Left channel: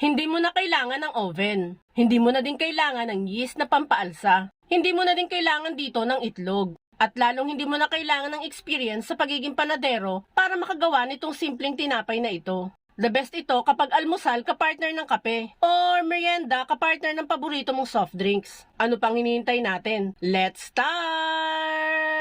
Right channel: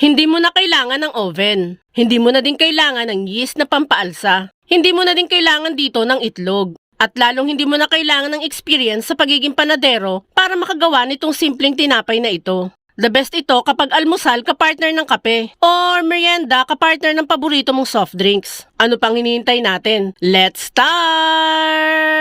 Hindi mo na kailangan ng oven. Hindi mo na din kailangan ng yeast na pampaalsa. Hindi mo na din kailangan dito ng itlog. At lalong hindi mo na kailangan ng experience sa pagiging panadero para makagawa nitong simpleng tinapay na ito. The best ito kapag almusal kapartner ng kape or merienda kapartner ng paborito mong soft drinks. Ano pang hinihintay natin? Let's start!